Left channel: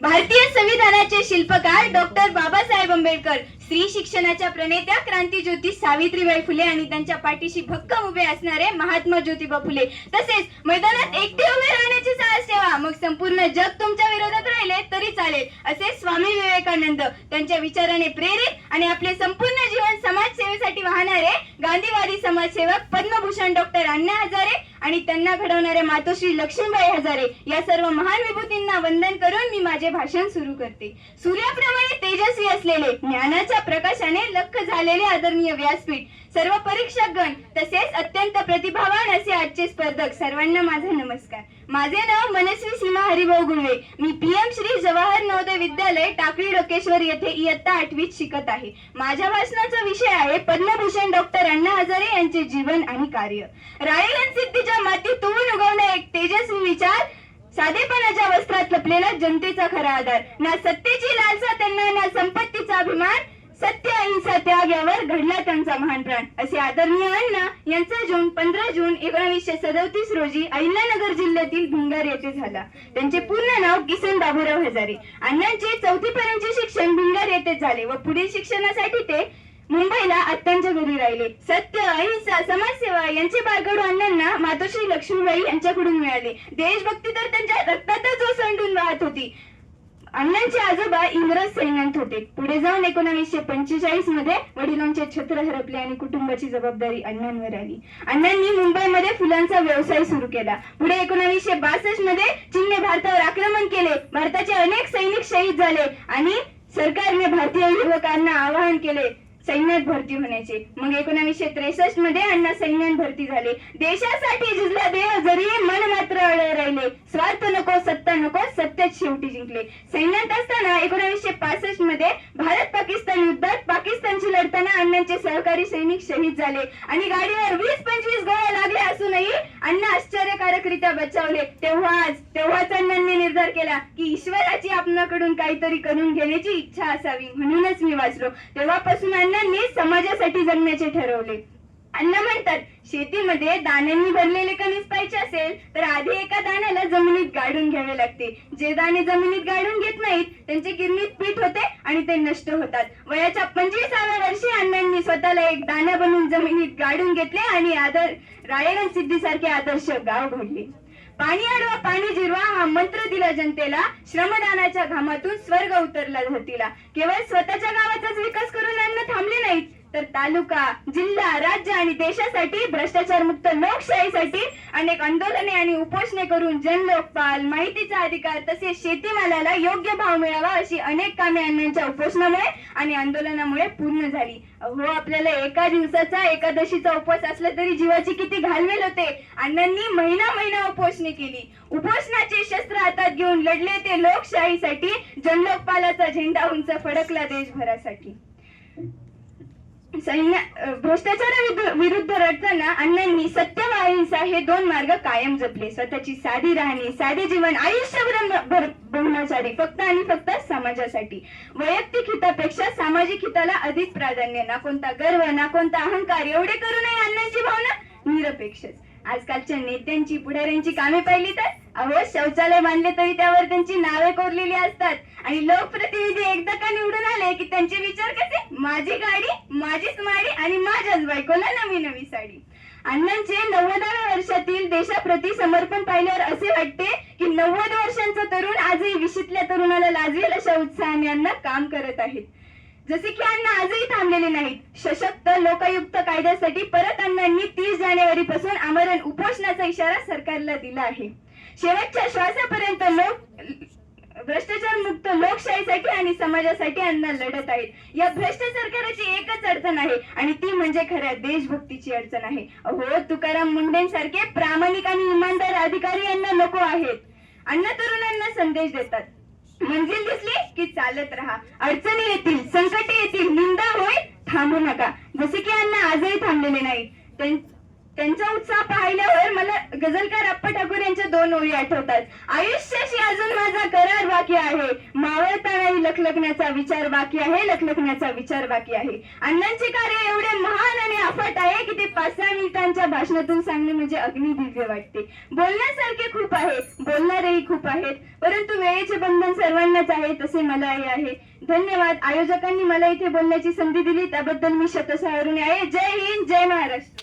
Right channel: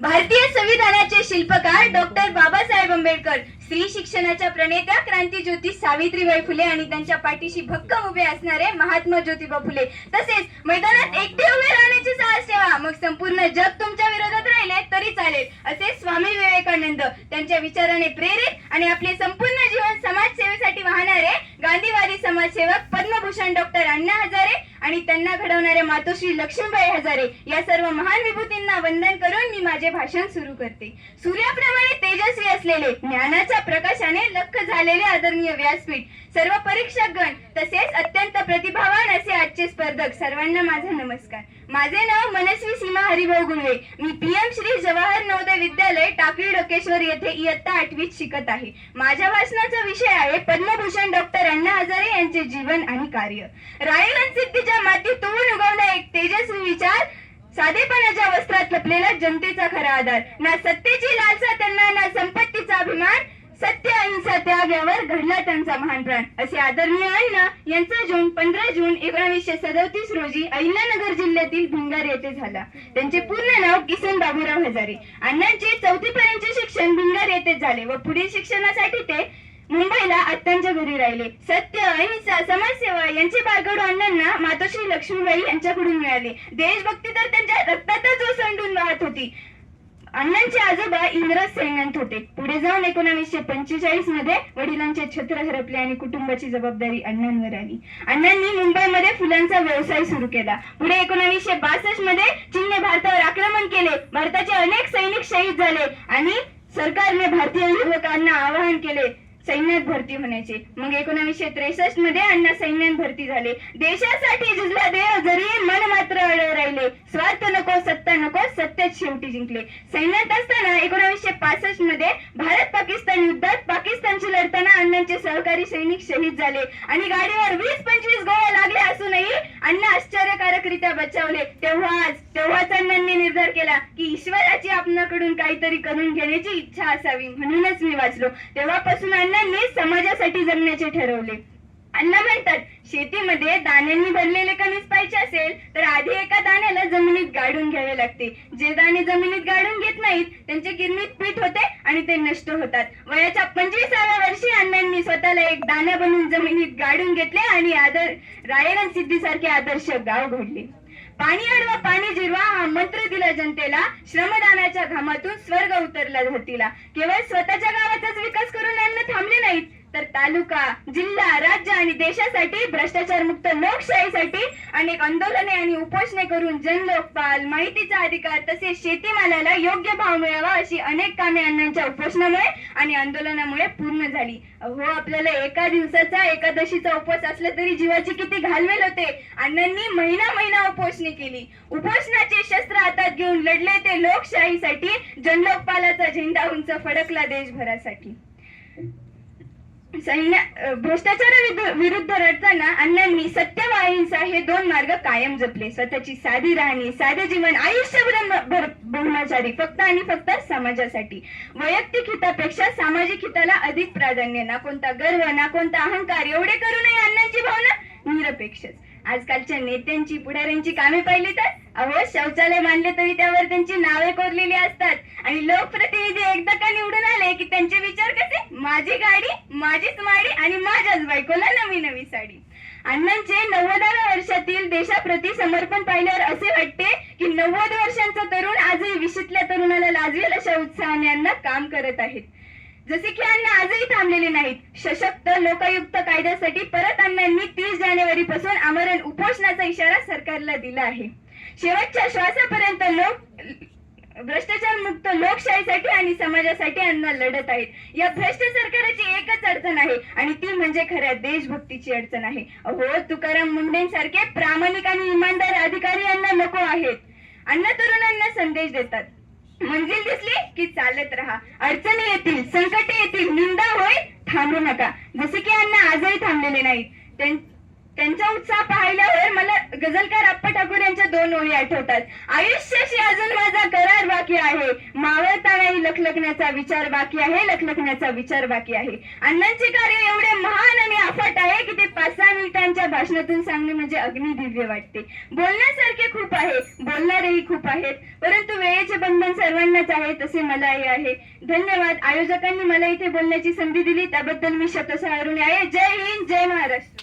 भारतीय संविधानाचे शिल्पकार डॉक्टर बाबासाहेब आंबेडकर, स्त्री शिक्षणाच्या प्रणेत्या क्रांतीज्योती सावित्रीबाई फुले आणि त्यांच्या पाठीशी भक्कम उभे असणारे महात्मा ज्योतिबा फुले, तसेच मैदानात एकटे उभे राहण्याची साहस ठेवा, मग संपूर्ण जग तुमच्या विरोधात राहिले तरी चालेल, असे स्वामी विवेकानंद त्यांच्या विचाराने प्रेरित आणि आपले संपूर्ण जीवन समाजसेवेसाठी वाहणारे गांधीवादी समाजसेवक पद्मभूषण डॉक्टर अण्णा हजारे आणि त्यांना घडवणारे मातोश्री लक्ष्मीबाई हजारे या सर्व महान विभूतींना वंदन करून मी माझे भाषण सुरू करते. सूर्याप्रमाणे तेजस्वी असलेले, ज्ञानाच्या प्रकाशाने लख झालेले आदरणीय व्यासपीठ, सर्व परीक्षकगण तसेच अत्यंत प्रतिभावान असे आजचे स्पर्धक, सर्वांना माझा नमस्कार. माझे नाव मनस्वी सीमा हरिभाऊ गुळवे. मी पीएम श्री जवाहर नवोदय विद्यालय टाकळी डोकेश्वर येथे इयत्ता 8वीत शिकत आहे. माझ्या भाषणाचा विषय आहे पद्मभूषण डॉक्टर अण्णा हजारे यांचे जीवन आणि कार्य. रायगड सिद्धीच्या मातीत तुळून उगवला एक तेजस्वी विचार, साधेपणाच्या वस्त्रात लपलेला जनतेचा खरा आधार, ना सत्तेची लालसा त्यांना, ना संपत्तीचा अभिमान, सत्य अहिंसा त्याग यावर घडला त्यांचा महान प्राण, असे आदरणीय अण्णा यांचा जून 15 जून 1937 रोजी अहिल्यानगर जिल्ह्यातील भिंगार येथे झाला. त्यांचे पूर्ण नाव किसन बाबूराव हजारे. अण्णांचे 4थी पर्यंतचे शिक्षण भिंगार येथेच झाले व पुढील शिक्षणासाठी ते मुंबईला आत्यांच्या घरी राहिले. सत्य अहिंसा समाजसेवा यांचे बाळकडू अण्णांना मातोश्री लक्ष्मीबाई यांच्याकडून मिळाले. देशभक्ती तर त्यांच्या रक्तातच ओसंडून वाहत होती. अण्णांचे आजोबा इंग्रज सैन्यात होते. पुढे जाऊन 1945 मध्ये वडिलांचे छत्र हरपले आणि कुटुंबाची जबाबदारी अण्णांवर आली. अण्णांनी मुंबईमध्ये फुलांचा व्यवसाय सुरू केला. पुढे 1962 मध्ये चीनने भारतावर आक्रमण केले. भारताचे अनेक सैनिक शहीद झाले आणि सरकारने भारतीय युवकांना आवाहन केले सैन्यात भरती होण्याचे. मग 1963 मध्ये अण्णा सैन्यात भरती झाले. देशासाठी झुंजला देव जरी मन मात्र अडळ राहिले, स्वार्थ नको सत्ता नको सत्याच शेवटी जिंकले. सैन्यात असताना 1965 मध्ये भारत पाकिस्तान युद्धात पाकिस्तानशी लढताना अण्णांचे सहकारी सैनिक शहीद झाले आणि गाडीवर 20-25 गोळ्या लागल्या असूनही अण्णा आश्चर्यकारकरित्या बचावले. तेव्हाच अण्णांनी निर्धार केला की ईश्वराची आपणाकडून काहीतरी करून घेण्याची इच्छा असावी, म्हणूनच मी वाचलो. तेव्हापासून अण्णांनी समाजासाठी जगण्याचे ठरवले. अण्णा म्हणतात, शेतीमध्ये दाण्यांनी भरलेले कणीस पाहिजे असेल तर आधी एका दाण्याला जमिनीत गाडून घ्यावे लागते. जे दाणे जमिनीत गाडून घेत नाहीत त्यांचे गिरणीत पीठ होते आणि ते नष्ट होतात. वयाच्या 25व्या वर्षी अण्णांनी स्वतःला एक दाणा बनवून जमिनीत गाडून घेतले आणि रायगड सिद्धीसारखे आदर्श गाव घडले. पाणी अडवा पाणी जिरवा हा मंत्र दिला जनतेला, श्रमदानाच्या घामातून स्वर्ग उतरला धरतीला. केवळ स्वतःच्या गावाचाच विकास करून अण्णा थांबले नाहीत, तर तालुका, जिल्हा, राज्य आणि देशासाठी भ्रष्टाचार मुक्त लोकशाहीसाठी अनेक आंदोलने आणि उपोषणे करून जनलोकपाल, माहितीचा अधिकार तसेच शेतीमालाला योग्य भाव मिळावा अशी अनेक कामे अण्णांच्या उपोषणामुळे आणि आंदोलनामुळे पूर्ण झाली. अहो, आपल्याला एका दिवसाचा एकादशीचा उपवास असला तरी जीवाची किती घालमेल होते. अण्णांनी महिना उपोषणे केली. उपोषणाचे शस्त्र हातात घेऊन लढले ते लोकशाहीसाठी. जनलोकपालाचा झेंडा उंच फडकला देशभरासाठी. भ्रष्टाचारा विरुद्ध लढताना अण्णांनी सत्य व अहिंसा हे 2 मार्ग कायम जपले. स्वतःची साधी राहणी, साधे जीवन, आयुष्यभर ब्रह्मचारी, फक्त आणि फक्त समाजासाठी. वैयक्तिक हितापेक्षा सामाजिक हिताला अधिक प्राधान्य. ना कोणता गर्व ना कोणता अहंकार, एवढे करूनही अण्णांची भावना निरपेक्षच. आजकालच्या नेत्यांची, पुढाऱ्यांची कामे पाहिली तर अहो, शौचालय बांधले तरी त्यावर त्यांची नावे कोरलेली असतात आणि लोकप्रतिनिधी एकदा का निवडून आले की त्यांचे विचार कसे, माझी गाडी, माझीच माडी आणि माझ्याच बायकोला नवी साडी. अण्णांचे 90व्या वर्षातील देशाप्रती समर्पण पाहिल्यावर असे वाटते की 90 वर्षांचा तरुण आजही 20तल्या तरुणाला लाजवेल अशा उत्साहाने अण्णा काम करत आहेत. जसे की अण्णा आजही थांबलेले नाहीत. सशक्त लोकायुक्त कायद्यासाठी परत अण्णांनी 30 जानेवारी पासून आमरण उपोषणाचा इशारा सरकारला दिला आहे. शेवटच्या श्वासापर्यंत भ्रष्टाचार मुक्त लोकशाहीसाठी आणि समाजासाठी अण्णा लढत आहेत. या भ्रष्ट सरकाराची एकच अडचण आहे आणि ती म्हणजे खऱ्या देशभक्तीची अडचण आहे. अहो, तुकाराम मुंडेंसारखे प्रामाणिक आणि इमानदार अधिकारी अण्णा नको आहेत. अण्णा तरुणांना संदेश देतात, मंजिल दिसली की चालत राहा, अडचणी येतील, संकटे येतील, निंदा होईल, थांबू नका. जसे की अण्णा आजही थांबलेले नाहीत. त्यांचा उत्साह पाहिल्यावर मला गझलकार अप्पा ठाकूर यांच्या 2 ओळी आठवतात. आयुष्याशी अजून माझा करार बाकी आहे, मावळता नाही लखलखण्याचा विचार बाकी आहे, लखलखण्याचा विचार बाकी आहे. अण्णांचे कार्य एवढे महान आणि अफाट आहे की ते 5-6 मिनिटांच्या भाषणातून सांगणे म्हणजे अग्निदिव्य वाटते. बोलण्यासारखे खूप आहे, बोलणारेही खूप आहेत, परंतु वेळेचे बंधन सर्वांनाच आहे, तसे मलाही आहे. धन्यवाद. आयोजकांनी मला इथे बोलण्याची संधी दिली त्याबद्दल मी शतशः ऋणी आहे. जय हिंद, जय महाराष्ट्र.